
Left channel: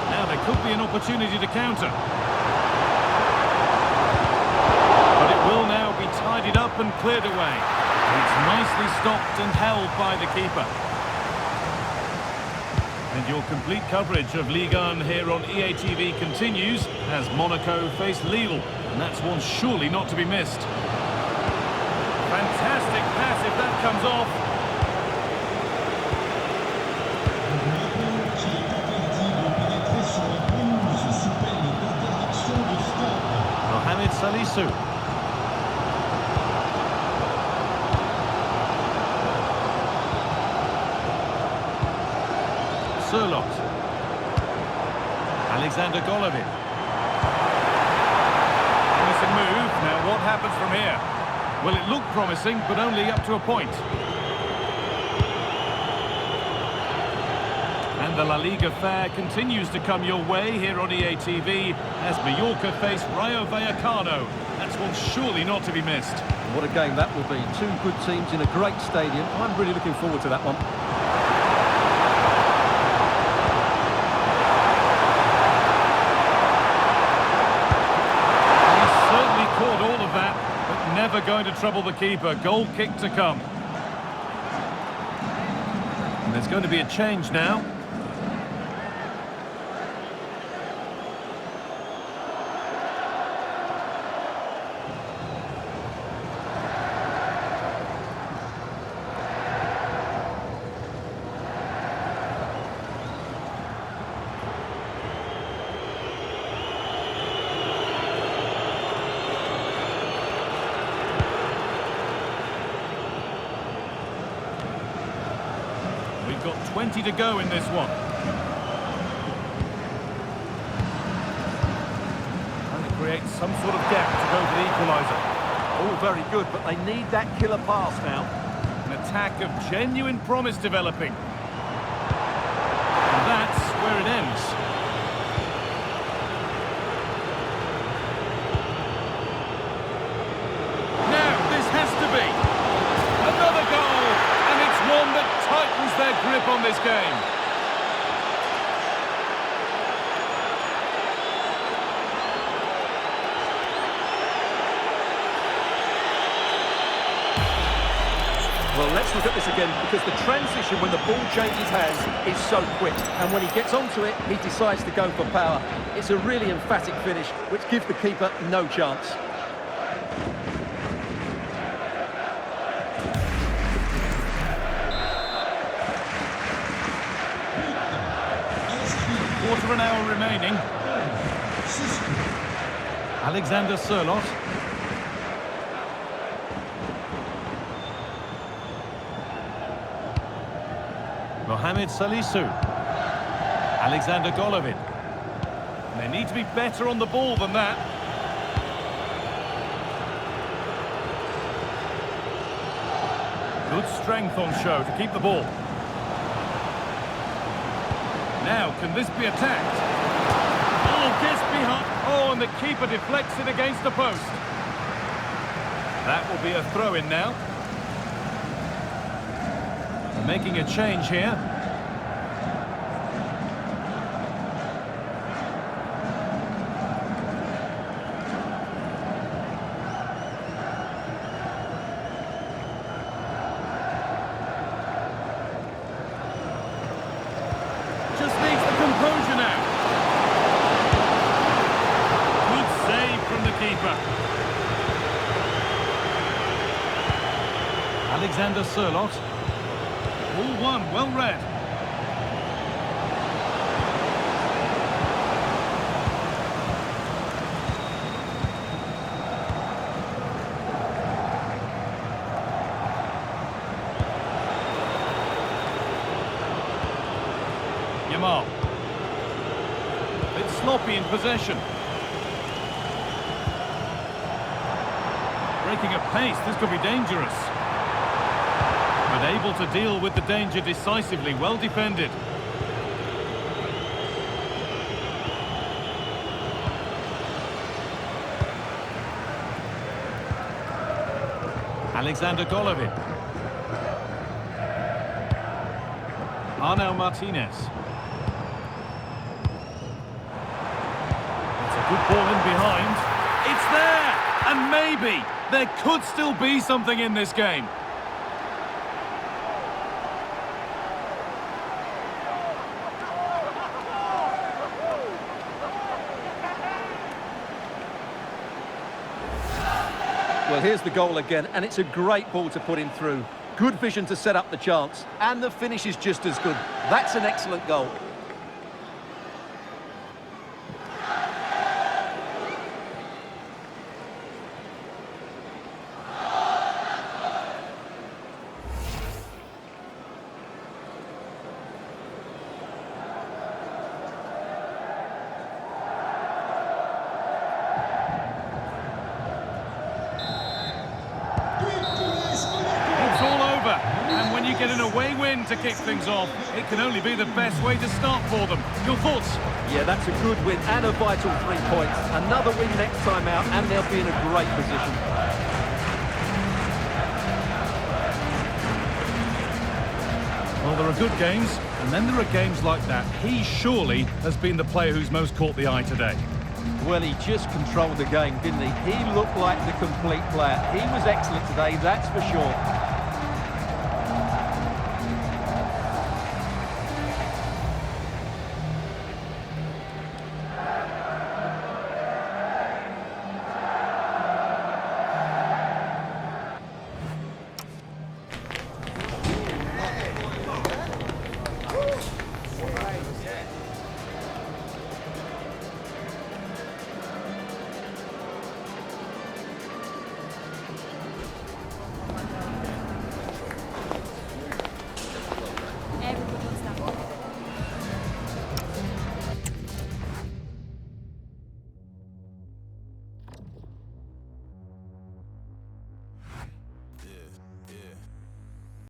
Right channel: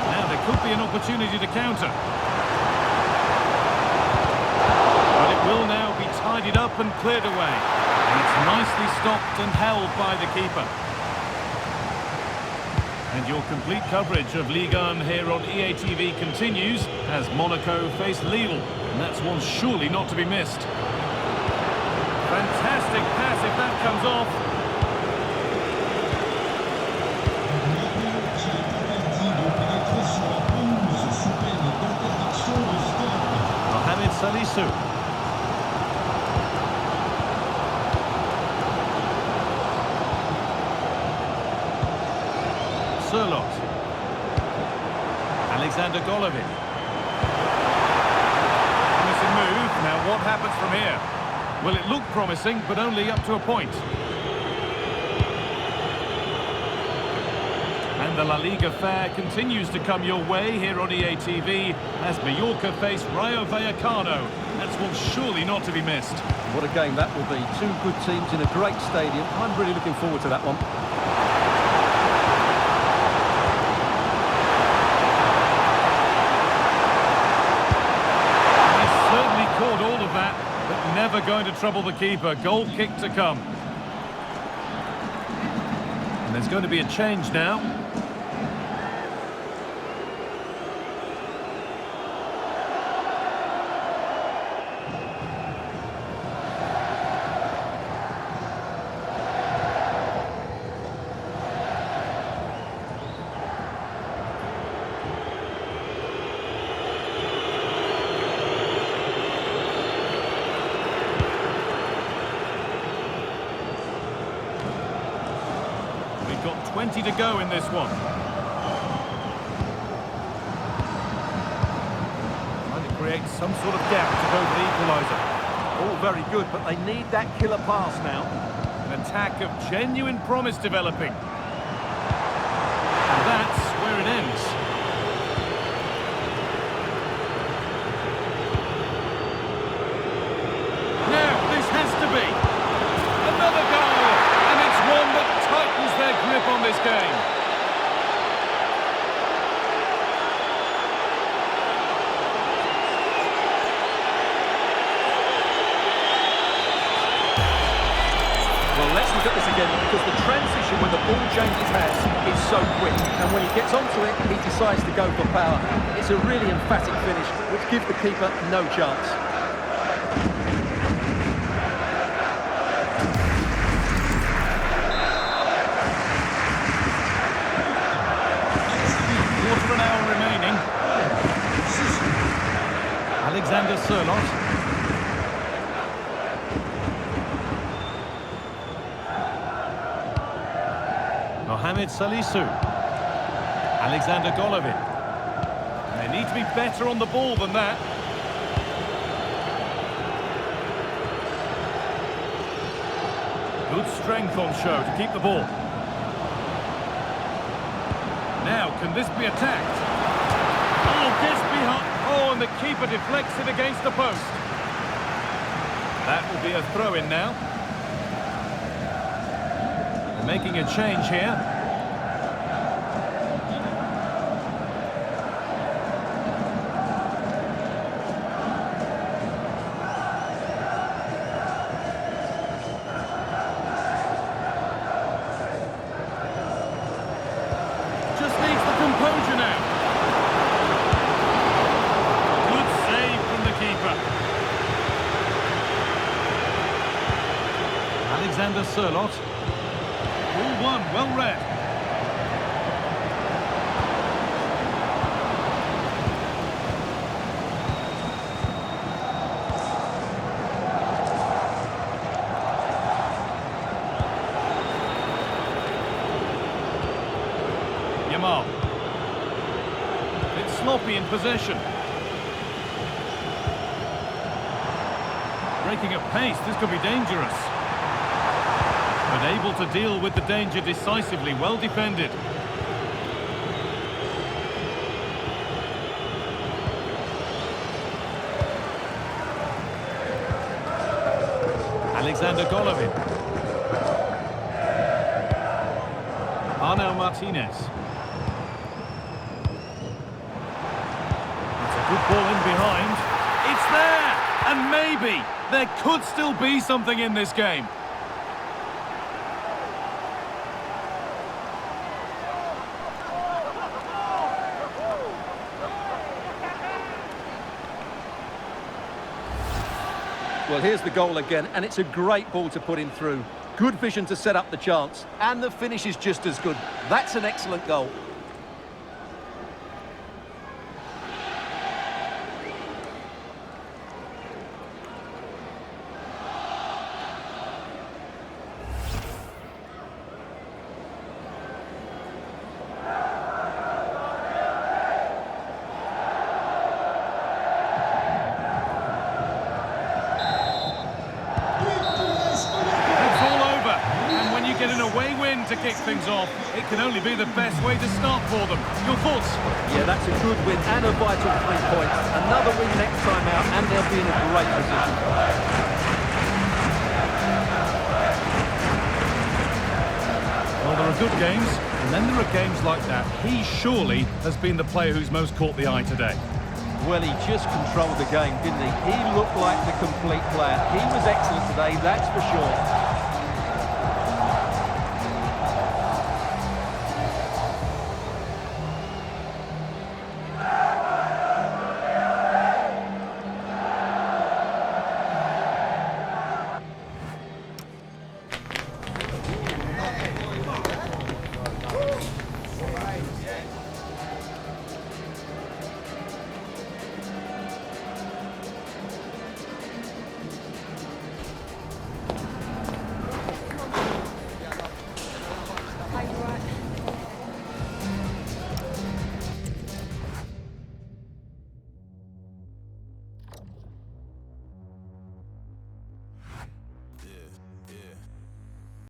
Now there could be an opportunity to counter. But it will now be tidied up and cleared away. It's nicely stopped and held by the keeper. And your complete coverage of Ligue 1 here on EA TV continues as Monaco face Lille. And that's one surely not to be missed. Fantastic pass if that comes off. Mohamed Salisu. Sørloth. Alexander Golovin. Promising move. Now what happens from here? Well, it looked promising, but only up to a point. And the La Liga fare continues to come your way here on EA TV as Mallorca face Rayo Vallecano. That's one surely not to be missed. What a game that will be. Two good teams in a great stadium. I'm really looking forward to that one. He's certainly caught all of that, but never going to trouble the keeper. Goal kick to come. And there's going to be a change now. We've got 20 to go in this one. Trying to create some sort of gap to go for the equaliser. All very good, but they need that killer pass now. An attack of genuine promise developing. And that's where it ends. Now, this has to be. Another goal, and it's one that tightens their grip on this game. Well, let's look at this again, because the transition when the ball changes hands is so quick. And when he gets onto it, he decides to go for power. It's a really emphatic finish, which gives the keeper no chance. Quarter of an hour remaining. Alexander Sørloth. Mohamed Salisu. Alexander Golovin. And they need to be better on the ball than that. Good strength on show to keep the ball. Now, can this be attacked? Oh, gets behind. Oh, and the keeper deflects it against the post. That will be a throw-in now. They're making a change here. Just needs the composure now. Good save from the keeper. Alexander Sørloth. Ball one, well read. Yamal. Bit sloppy in possession. Breaking at pace, this could be dangerous. But able to deal with the danger decisively, well defended. Alexander Golovin. Arnau Martinez. It's a good ball in behind. It's there! And maybe there could still be something in this game. Well, here's the goal again, and it's a great ball to put him through. Good vision to set up the chance, and the finish is just as good. That's an excellent goal. get an away win to kick things off. It can only be the best way to start for them. Your thoughts? Yeah, that's a good win and a vital 3 points. Another win next time out and they'll be in a great position. Well, there are good games, and then there are games like that. He surely has been the player who's most caught the eye today. Well, he just controlled the game, didn't he? He looked like the complete player. He was excellent today, that's for sure.